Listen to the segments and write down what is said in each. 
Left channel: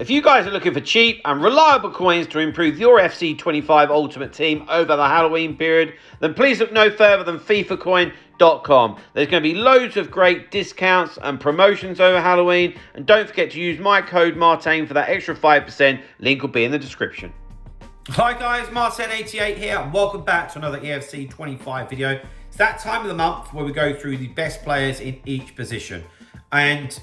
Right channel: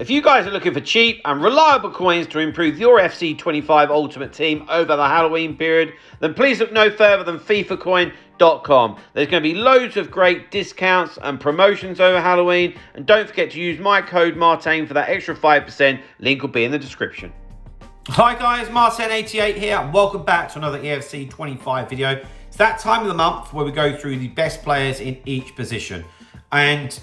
If you guys are looking for cheap and reliable coins to improve your FC25 Ultimate Team over the Halloween period, then please look no further than FIFAcoin.com. There's going to be loads of great discounts and promotions over Halloween, and don't forget to use my code Martin for that extra 5%. Link will be in the description. Hi guys, Martin88 here, and welcome back to another EFC 25 video. It's that time of the month where we go through the best players in each position, and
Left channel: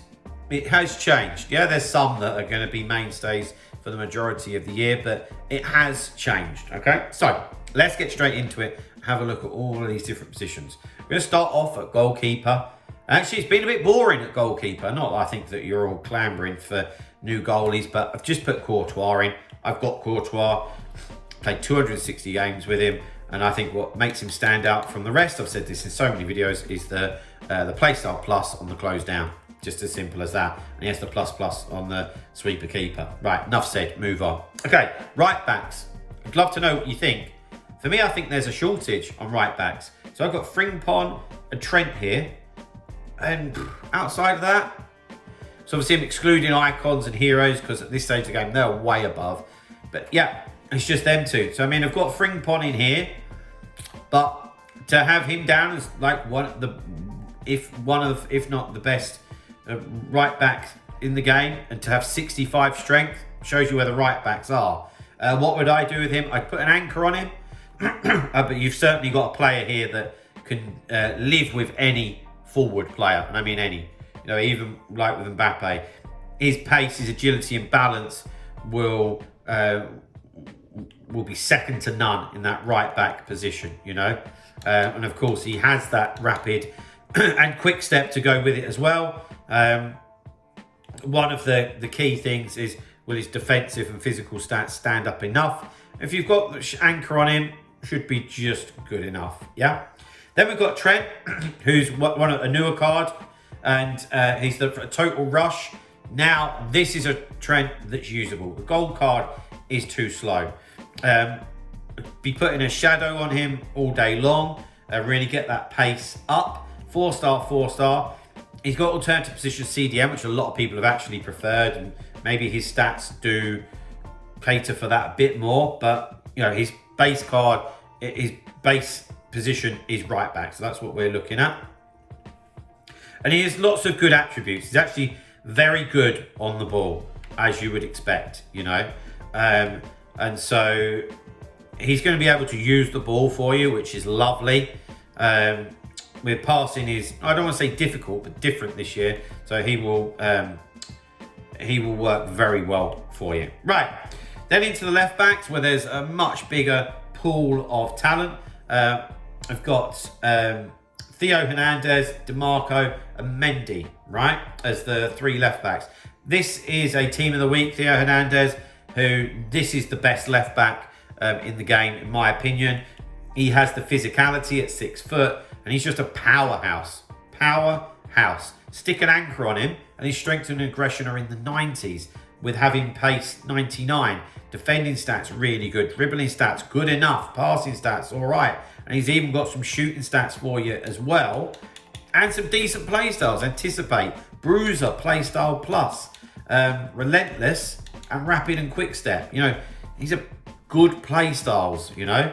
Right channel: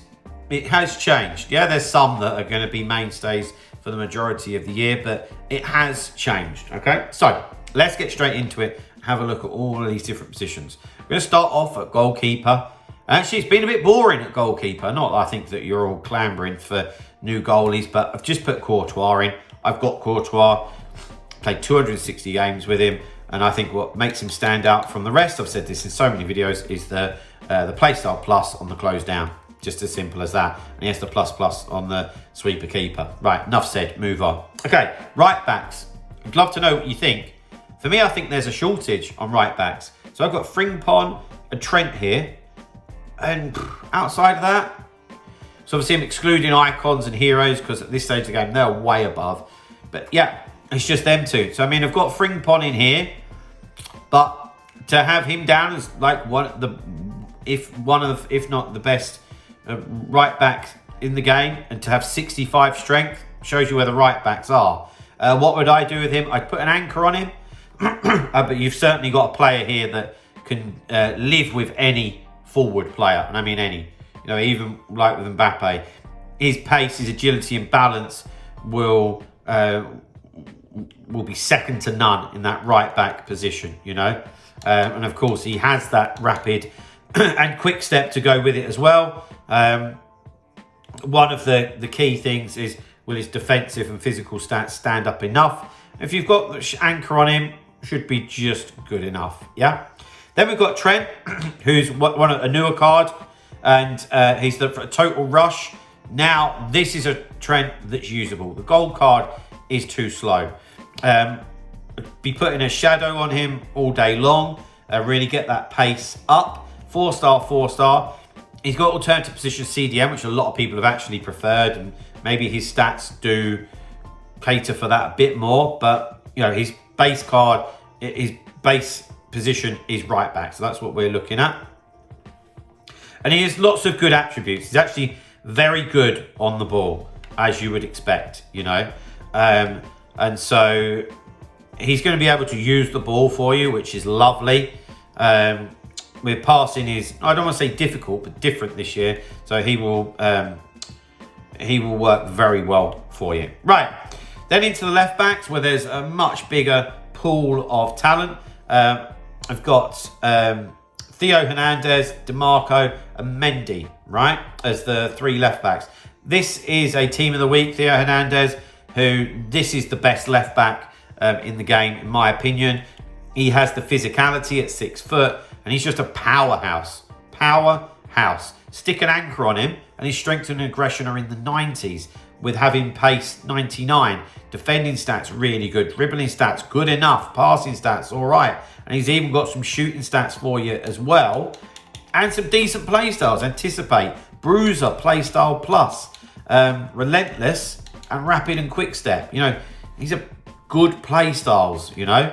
it has changed. Yeah, there's some that are going to be mainstays for the majority of the year, but it has changed, okay? So, let's get straight into it, have a look at all of these different positions. We're going to start off at goalkeeper. Actually, it's been a bit boring at goalkeeper. Not that I think that you're all clambering for new goalies, but I've just put Courtois in. I've got Courtois, played 260 games with him, and I think what makes him stand out from the rest, I've said this in so many videos, is the playstyle plus on the close down. Just as simple as that. And yes, the plus on the sweeper keeper. Right, enough said, move on. Okay, right backs. I'd love to know what you think. For me, I think there's a shortage on right backs. So I've got Frimpong and Trent here. And outside of that, so obviously I'm excluding icons and heroes because at this stage of the game, they're way above. But yeah, it's just them two. So I mean, I've got Frimpong in here, but to have him down as like if not the best right back in the game, and to have 65 strength shows you where the right backs are. What would I do with him? I'd put an anchor on him, but you've certainly got a player here that can live with any forward player, and I mean any. You know, even like with Mbappe, his pace, his agility, and balance will be second to none in that right back position. You know, and of course he has that rapid and quick step to go with it as well. One of the key things is, will his defensive and physical stats stand up enough? If you've got the anchor on him, should be just good enough. Yeah. Then we've got Trent, who's a newer card, and he's the total rush. Now this is a Trent that's usable. The gold card is too slow. Be putting a shadow on him all day long. Really get that pace up. 4-star. He's got alternative position CDM, which a lot of people have actually preferred, and maybe his stats do cater for that a bit more. But you know, his base card, his base position is right back, so that's what we're looking at. And he has lots of good attributes. He's actually very good on the ball, as you would expect, you know. And so he's going to be able to use the ball for you, which is lovely. With passing is, I don't want to say difficult, but different this year. So he will work very well for you. Right, then into the left backs, where there's a much bigger pool of talent. I've got Theo Hernandez, DeMarco, and Mendy, right, as the three left backs. This is a team of the week. Theo Hernandez, this is the best left back in the game, in my opinion. He has the physicality at 6 foot. And he's just a powerhouse. Stick an anchor on him, and his strength and aggression are in the 90s, with having pace 99. Defending stats really good. Dribbling stats good enough. Passing stats all right. And he's even got some shooting stats for you as well, and some decent play styles. Anticipate, Bruiser, playstyle plus, relentless, and rapid and quick step. You know, these are good play styles. You know.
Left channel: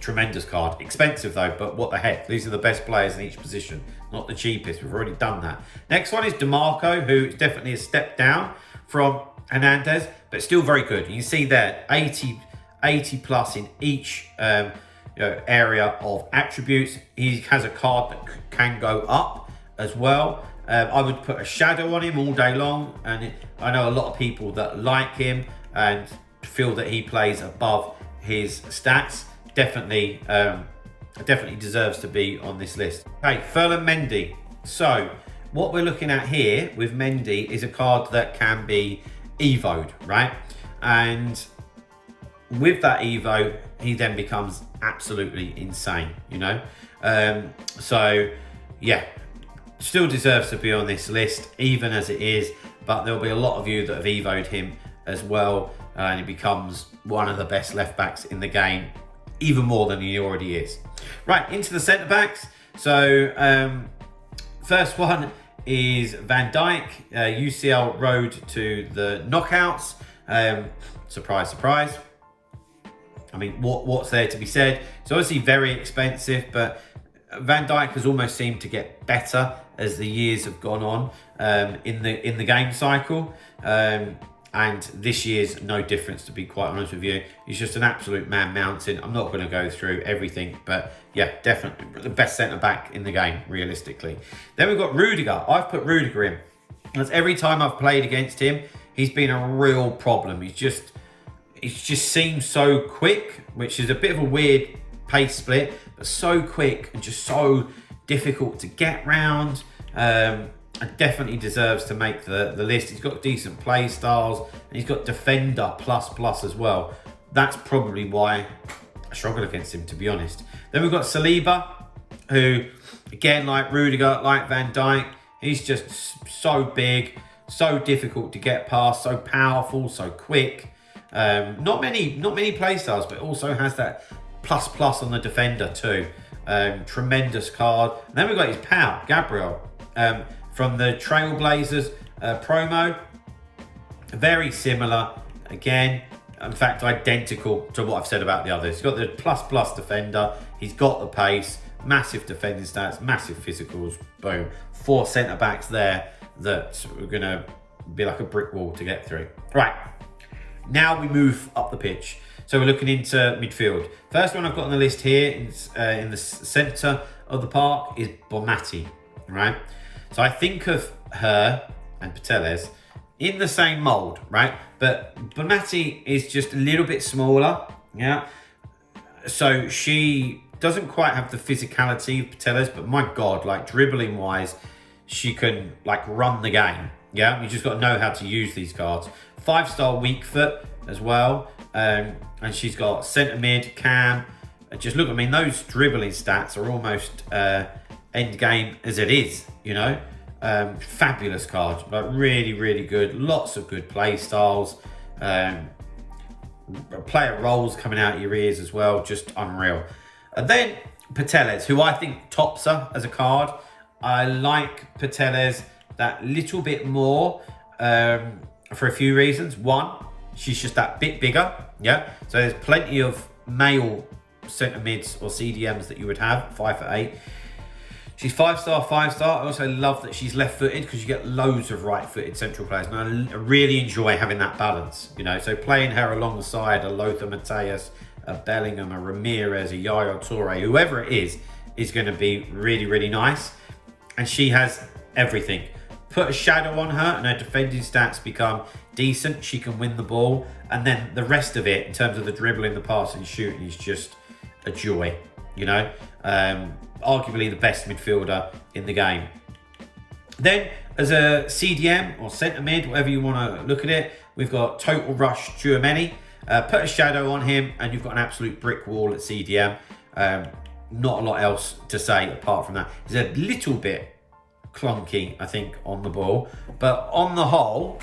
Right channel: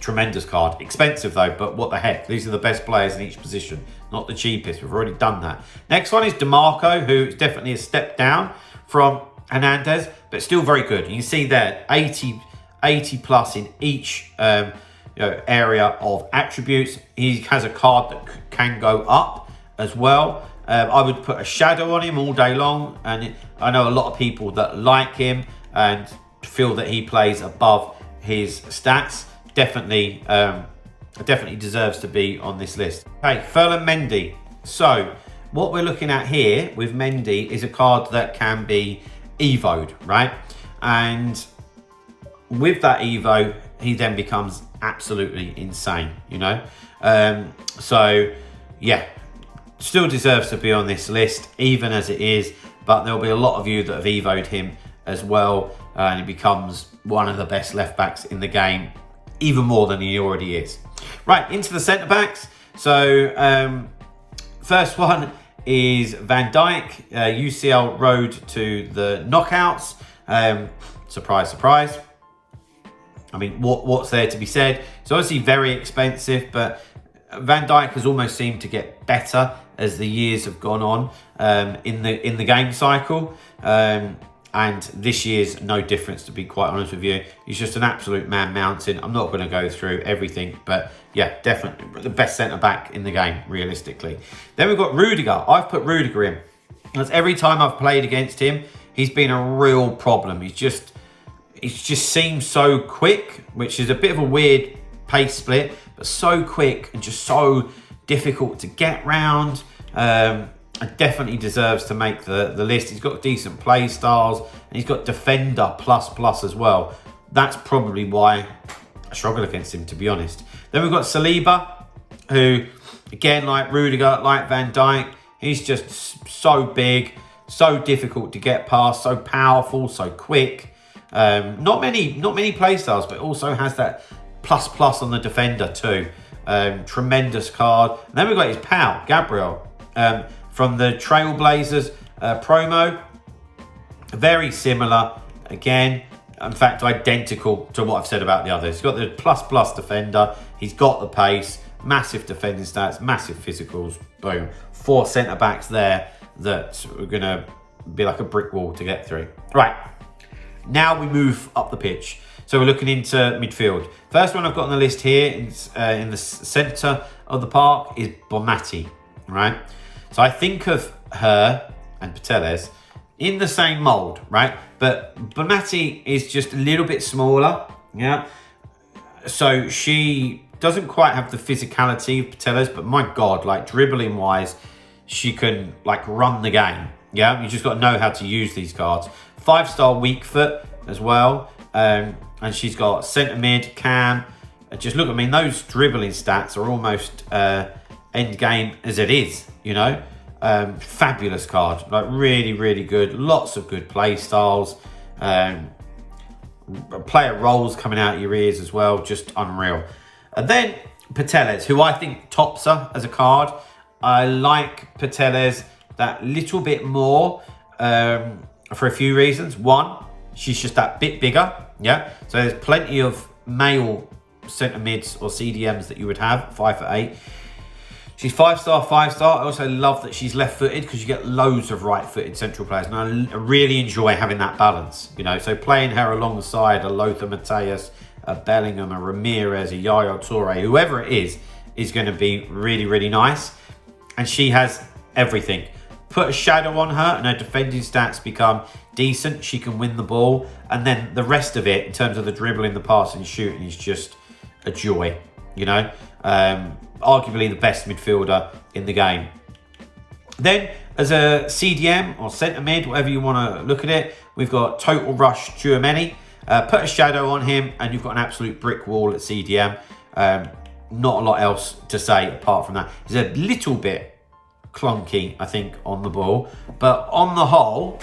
Tremendous card. Expensive though, but what the heck. These are the best players in each position, not the cheapest. We've already done that. Next one is DeMarco, who is definitely a step down from Hernandez, but still very good. You can see there 80 plus in each area of attributes. He has a card that can go up as well. I would put a shadow on him all day long, and I know a lot of people that like him and feel that he plays above his stats. Definitely deserves to be on this list. Okay, Ferland Mendy. So what we're looking at here with Mendy is a card that can be evoed, right? And with that evo, he then becomes absolutely insane, you know? So yeah, still deserves to be on this list, even as it is, but there'll be a lot of you that have evoed him as well, and he becomes one of the best left backs in the game, even more than he already is. Right, into the centre backs. So first one is Van Dijk, UCL road to the knockouts. Surprise, surprise. I mean, what's there to be said? It's obviously very expensive, but Van Dijk has almost seemed to get better as the years have gone on in the game cycle. And this year's no difference, to be quite honest with you. He's just an absolute man mountain. I'm not going to go through everything, but yeah, definitely the best centre-back in the game, realistically. Then we've got Rudiger. I've put Rudiger in. That's every time I've played against him, he's been a real problem. It just seems so quick, which is a bit of a weird pace split, but so quick and just so difficult to get round. And definitely deserves to make the list. He's got decent play styles and he's got defender plus as well. That's probably why I struggle against him, to be honest. Then we've got Saliba, who, again, like Rudiger, like Van Dijk, he's just so big, so difficult to get past, so powerful, so quick. Not many play styles, but also has that plus on the defender too. Tremendous card. And then we've got his pal, Gabriel. From the Trailblazers promo, very similar, again, in fact, identical to what I've said about the others. He's got the plus defender, he's got the pace, massive defending stats, massive physicals, boom. 4 centre-backs there that are going to be like a brick wall to get through. Right, now we move up the pitch. So we're looking into midfield. First one I've got on the list here in the centre of the park is Bonmati, right? So I think of her and Pateles in the same mould, right? But Bonmati is just a little bit smaller, yeah? So she doesn't quite have the physicality of Pateles, but my God, like dribbling wise, she can like run the game, yeah? You just got to know how to use these cards. 5-star weak foot as well. And she's got centre mid, cam. Just look, I mean, those dribbling stats are almost end game as it is, you know. Fabulous card, like really good. Lots of good play styles. Player roles coming out of your ears as well, just unreal. And then Pateles, who I think tops her as a card. I like Pateles that little bit more for a few reasons. One, she's just that bit bigger, yeah. So there's plenty of male centre mids or CDMs that you would have, 5'8". She's 5-star. I also love that she's left-footed because you get loads of right-footed central players, and I really enjoy having that balance, you know. So playing her alongside a Lothar Matthäus, a Bellingham, a Ramirez, a Yaya Toure, whoever it is going to be really nice. And she has everything. Put a shadow on her and her defending stats become decent. She can win the ball. And then the rest of it, in terms of the dribbling, the passing, shooting, is just a joy, you know. Arguably the best midfielder in the game. Then, as a CDM or centre mid, whatever you want to look at it, we've got Total Rush Tchouaméni. Put a shadow on him and you've got an absolute brick wall at CDM. Not a lot else to say apart from that. He's a little bit clunky, I think, on the ball, but on the whole,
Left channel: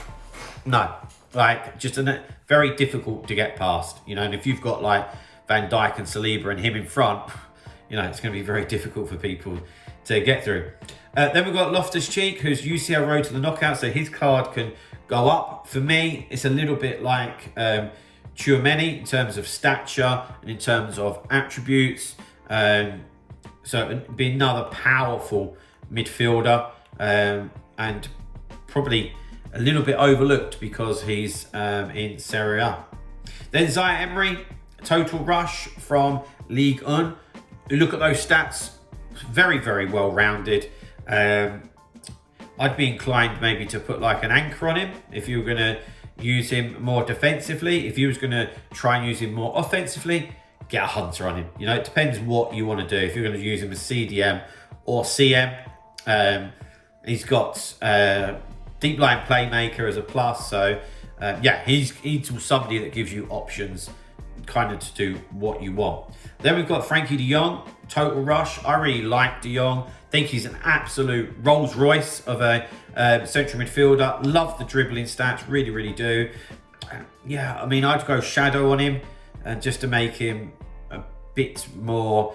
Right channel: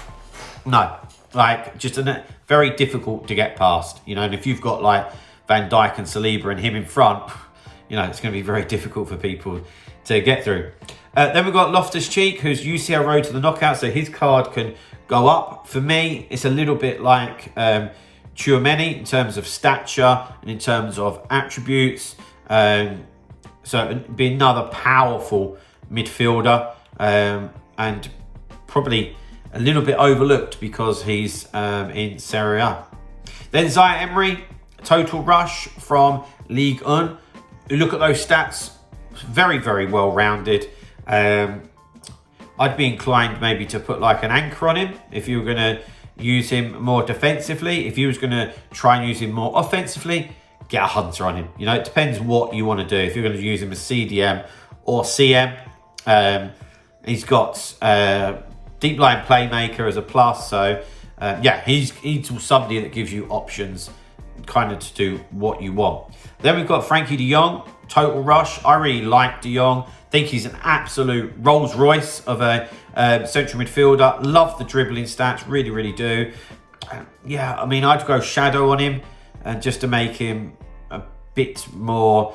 no. Like, just very difficult to get past, you know. And if you've got like Van Dijk and Saliba and him in front, you know, it's going to be very difficult for people to get through. Then we've got Loftus-Cheek, who's UCL road to the knockout, so his card can go up. For me, it's a little bit like Tchouaméni in terms of stature and in terms of attributes. So it'd be another powerful midfielder, and probably a little bit overlooked because he's in Serie A. Then Zaire Emery, Total Rush from Ligue 1. Look at those stats, very well rounded. I'd be inclined maybe to put like an anchor on him if you were going to use him more defensively. If you was going to try and use him more offensively, get a hunter on him. You know, it depends what you want to do. If you're going to use him as CDM or CM, he's got deep line playmaker as a plus. So yeah, he's somebody that gives you options kind of to do what you want. Then we've got Frankie de Jong, Total Rush. I really like de Jong. Think he's an absolute Rolls Royce of a central midfielder. Love the dribbling stats, really do. Yeah, I mean, I'd go shadow on him just to make him a bit more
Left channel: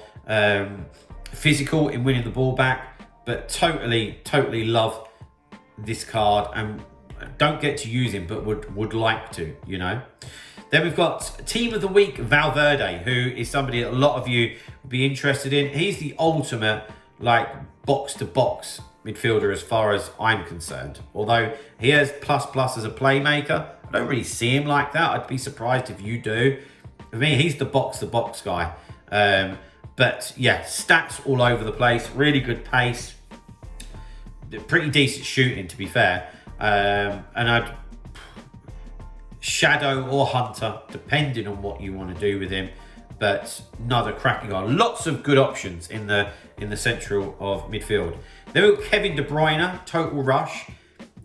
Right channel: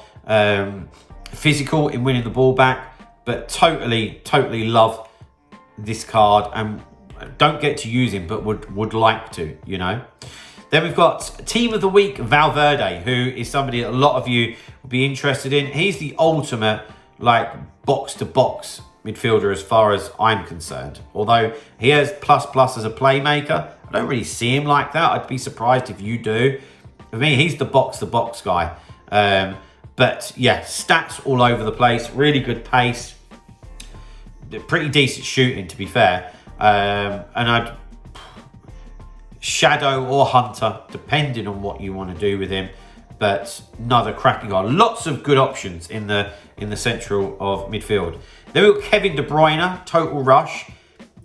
physical in winning the ball back. But totally love this card and don't get to use him, but would like to, you know. Then we've got Team of the Week, Valverde, who is somebody that a lot of you would be interested in. He's the ultimate, like, box-to-box midfielder as far as I'm concerned. Although he has plus as a playmaker, I don't really see him like that. I'd be surprised if you do. For me, he's the box-to-box guy. But yeah, stats all over the place. Really good pace. Pretty decent shooting, to be fair. And I'd Shadow or Hunter, depending on what you want to do with him. But another cracking guy. Lots of good options in the central of midfield. Then we've got Kevin De Bruyne, Total Rush,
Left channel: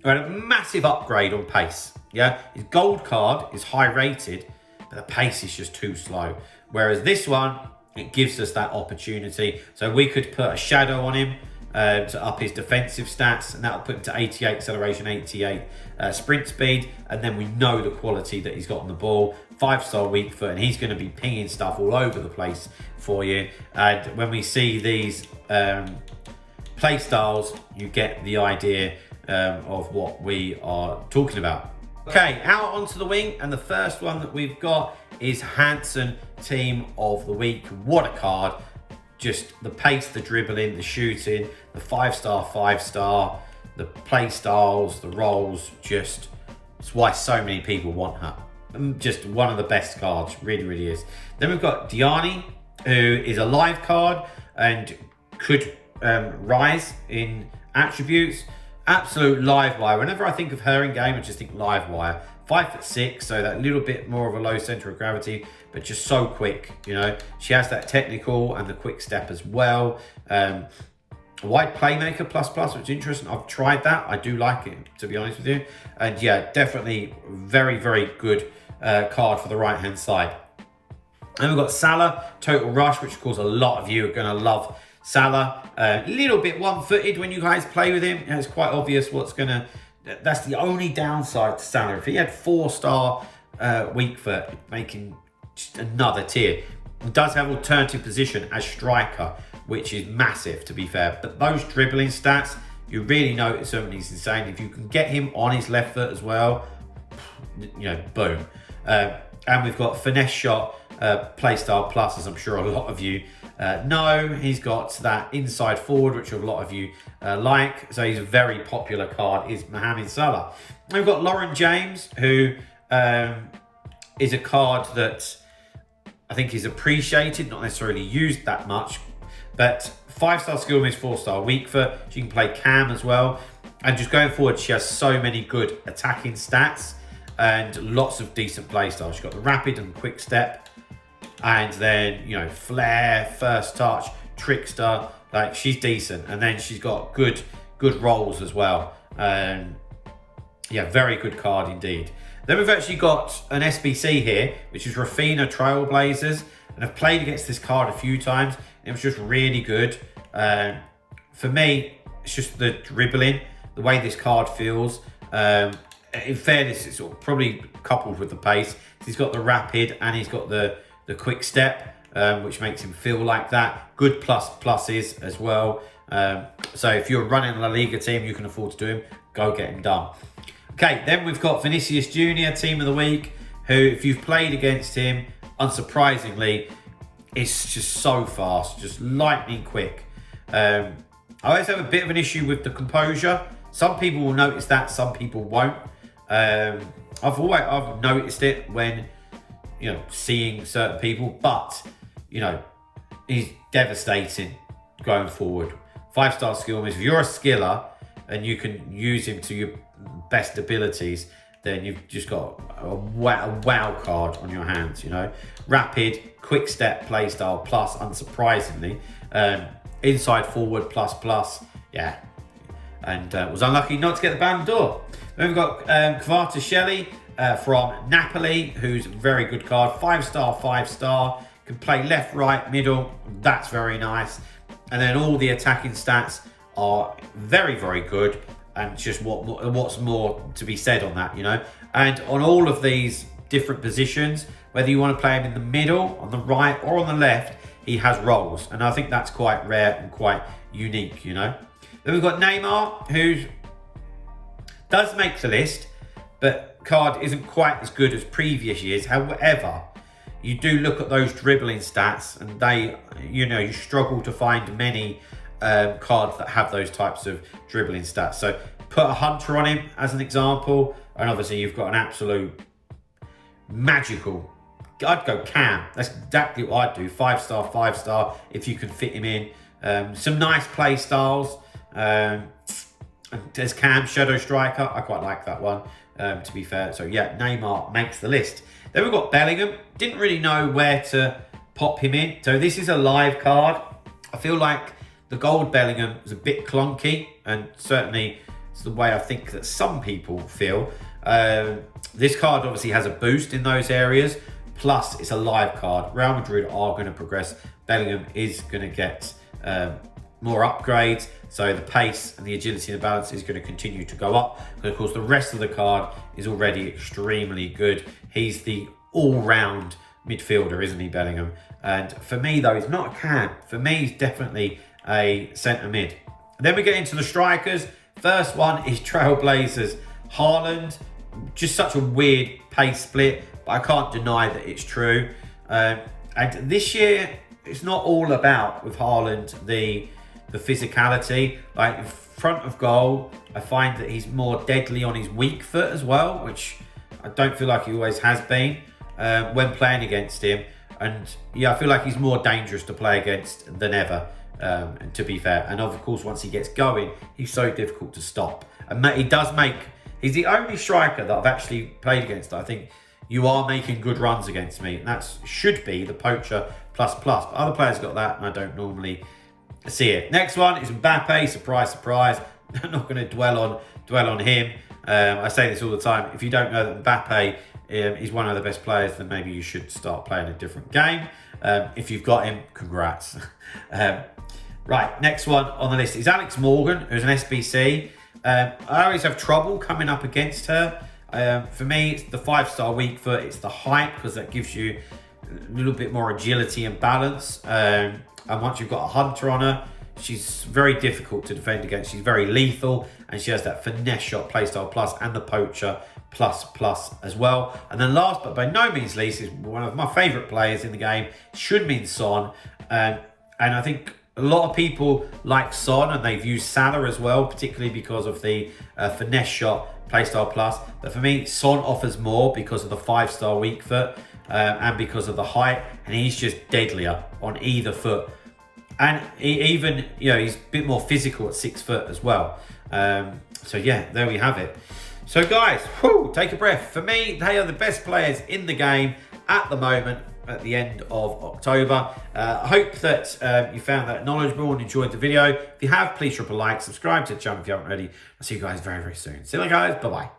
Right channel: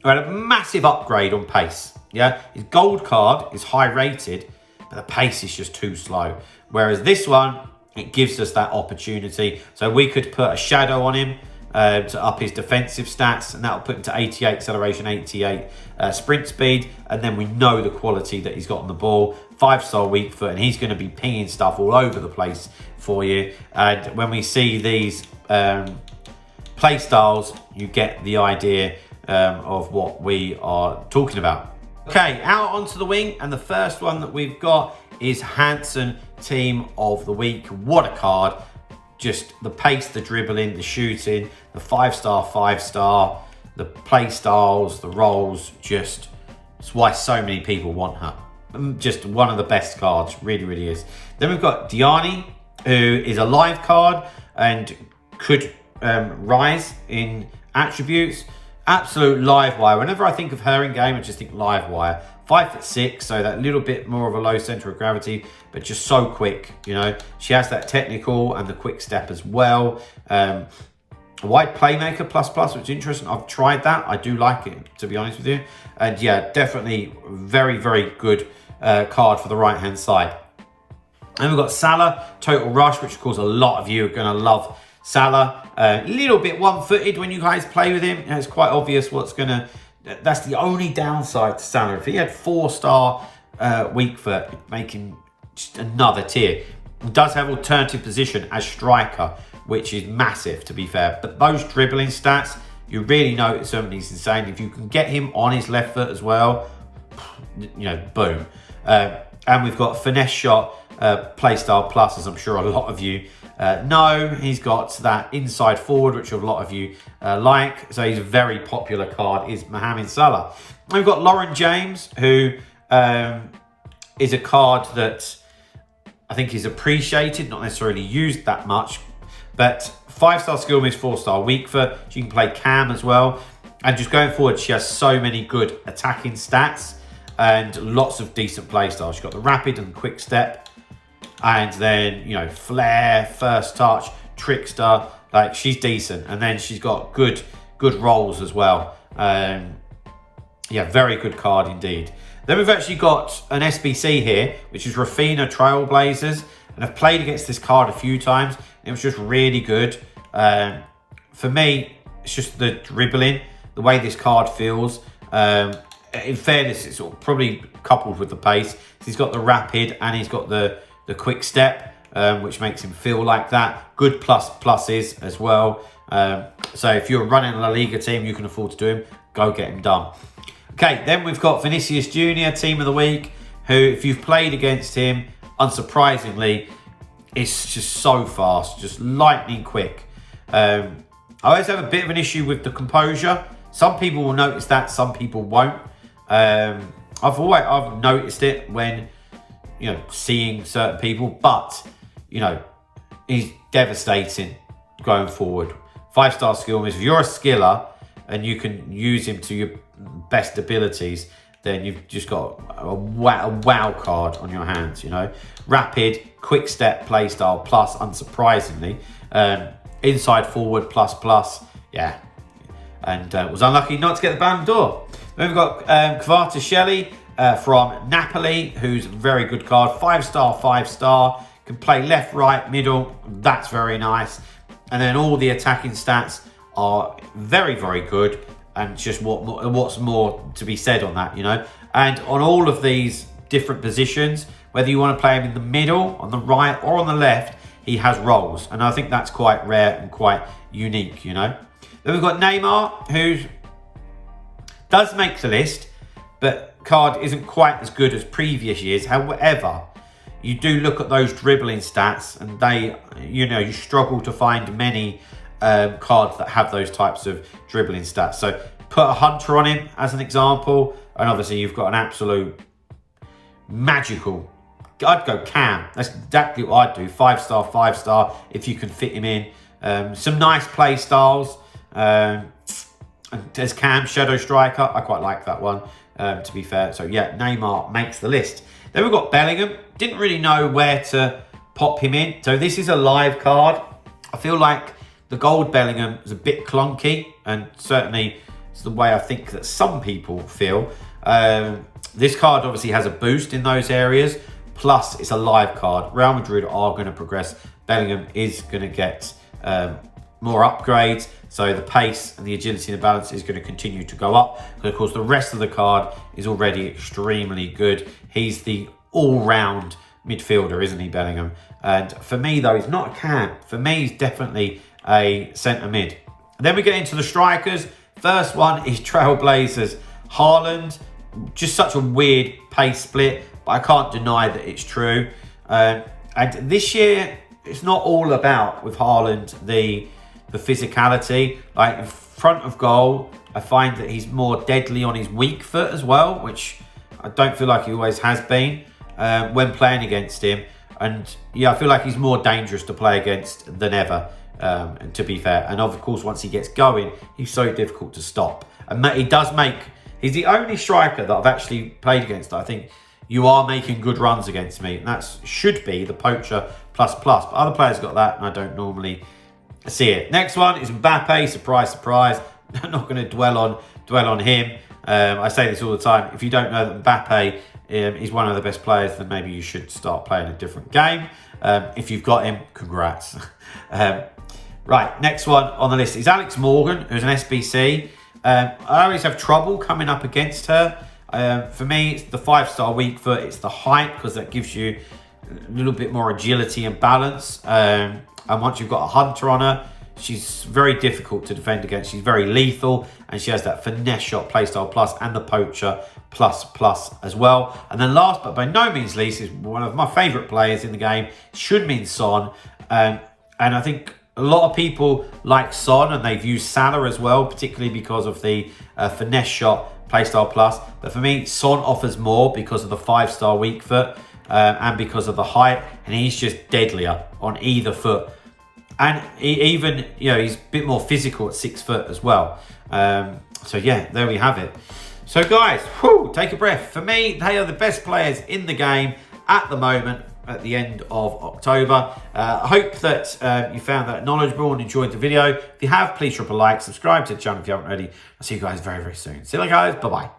who had a massive upgrade on pace. Yeah, his gold card is high rated, but the pace is just too slow. Whereas this one, it gives us that opportunity. So we could put a Shadow on him to up his defensive stats, and that'll put him to 88 acceleration, 88 sprint speed, and then we know the quality that he's got on the ball. 5-star weak foot, and he's going to be pinging stuff all over the place for you. And when we see these play styles, you get the idea of what we are talking about. Okay, out onto the wing, and the first one that we've got is Hansen Team of the Week. What a card. Just the pace, the dribbling, the shooting, the 5-star, the play styles, the roles, just it's why so many people want her. Just one of the best cards, really is. Then we've got Diani, who is a live card and could rise in attributes. Absolute live wire. Whenever I think of her in game, I just think live wire. 5'6", so that little bit more of a low center of gravity, but just so quick, you know. She has that technical and the quick step as well. A wide playmaker plus, which is interesting. I've tried that. I do like it, to be honest with you. And yeah, definitely very good card for the right-hand side. And we've got Salah, Total Rush, which of course a lot of you are going to love Salah. A little bit one-footed when you guys play with him. It's quite obvious what's going to... That's the only downside to Salah. If he had 4-star weak foot, making just another tier. He does have alternative position as striker, which is massive, to be fair. But those dribbling stats, you really notice him, and he's insane. If you can get him on his left foot as well, you know, boom. And we've got Finesse Shot, Playstyle Plus, as I'm sure a lot of you know. He's got that inside forward, which a lot of you like. So he's a very popular card, is Mohamed Salah. We've got Lauren James, who is a card that I think is appreciated, not necessarily used that much, but 5-star skill miss, 4-star weak foot. She can play cam as well. And just going forward, she has so many good attacking stats and lots of decent play styles. She's got the rapid and quick step, and then, you know, flair, first touch, trickster. Like, she's decent. And then she's got good rolls as well. Yeah, very good card indeed. Then we've actually got an SBC here, which is Rafina Trailblazers. And I've played against this card a few times. It was just really good. For me, it's just the dribbling, the way this card feels. In fairness, it's sort of probably coupled with the pace. He's got the rapid and he's got the quick step, which makes him feel like that. Good pluses as well. So if you're running a La Liga team, you can afford to do him, go get him done. Okay, then we've got Vinicius Jr., Team of the Week, who, if you've played against him, unsurprisingly, is just so fast, just lightning quick. I always have a bit of an issue with the composure. Some people will notice that, some people won't. I've noticed it when, you know, seeing certain people, but, you know, he's devastating going forward. 5-star skill miss. If you're a skiller and you can use him to your best abilities, then you've just got a wow card on your hands, you know. Rapid, quick step, playstyle plus, unsurprisingly. Inside forward plus, yeah. And was unlucky not to get the Ballon d'Or. Then we've got Kvaratskhelia from Napoli, who's a very good card. 5-star. Can play left, right, middle. That's very nice. And then all the attacking stats are very good. And just what's more to be said on that, you know. And on all of these different positions, whether you want to play him in the middle, on the right, or on the left, he has roles. And I think that's quite rare and quite unique, you know. Then we've got Neymar, who's Does make the list, but card isn't quite as good as previous years. However, you do look at those dribbling stats and they, you struggle to find many cards that have those types of dribbling stats. So put a Hunter on him as an example, and obviously you've got an absolute magical, I'd go Cam. That's exactly what I'd do. 5-star, 5-star, if you can fit him in. Some nice play styles. There's Cam, Shadow Striker. I quite like that one, to be fair. So yeah, Neymar makes the list. Then we've got Bellingham. Didn't really know where to pop him in. So this is a live card. I feel like the gold Bellingham is a bit clunky, and certainly it's the way I think that some people feel. This card obviously has a boost in those areas. Plus, it's a live card. Real Madrid are going to progress. Bellingham is going to get more upgrades. So the pace and the agility and the balance is going to continue to go up. But of course, the rest of the card is already extremely good. He's the all-round midfielder, isn't he, Bellingham? And for me, though, he's not a Cam. For me, he's definitely a centre mid. And then we get into the strikers. First one is Trailblazers. Haaland, just such a weird pace split, but I can't deny that it's true. And this year, it's not all about, with Haaland, the physicality. Like in front of goal, I find that he's more deadly on his weak foot as well, which I don't feel like he always has been when playing against him. And yeah, I feel like he's more dangerous to play against than ever, and to be fair. And of course, once he gets going, he's so difficult to stop. And he's the only striker that I've actually played against that I think you are making good runs against me. And that should be the Poacher ++. But other players got that, and I don't normally see it. Next one is Mbappe. Surprise, surprise. I'm not going to dwell on him. I say this all the time. If you don't know that Mbappe is one of the best players, then maybe you should start playing a different game. If you've got him, congrats. Right, next one on the list is Alex Morgan, who's an SBC. I always have trouble coming up against her. For me, it's the 5-star weak foot. It's the height, because that gives you a little bit more agility and balance. And once you've got a Hunter on her, she's very difficult to defend against. She's very lethal, and she has that finesse shot playstyle plus and the Poacher ++ as well. And then last but by no means least is one of my favourite players in the game, Heung-min Son. And I think a lot of people like Son, and they've used Salah as well, particularly because of the finesse shot playstyle plus. But for me, Son offers more because of the 5-star weak foot and because of the height, and he's just deadlier on either foot. And even, he's a bit more physical at 6 foot as well. So yeah, there we have it. So guys, take a breath. For me, they are the best players in the game at the moment at the end of October. I hope that you found that knowledgeable and enjoyed the video. If you have, please drop a like, subscribe to the channel if you haven't already. I'll see you guys very, very soon. See you later, guys. Bye-bye.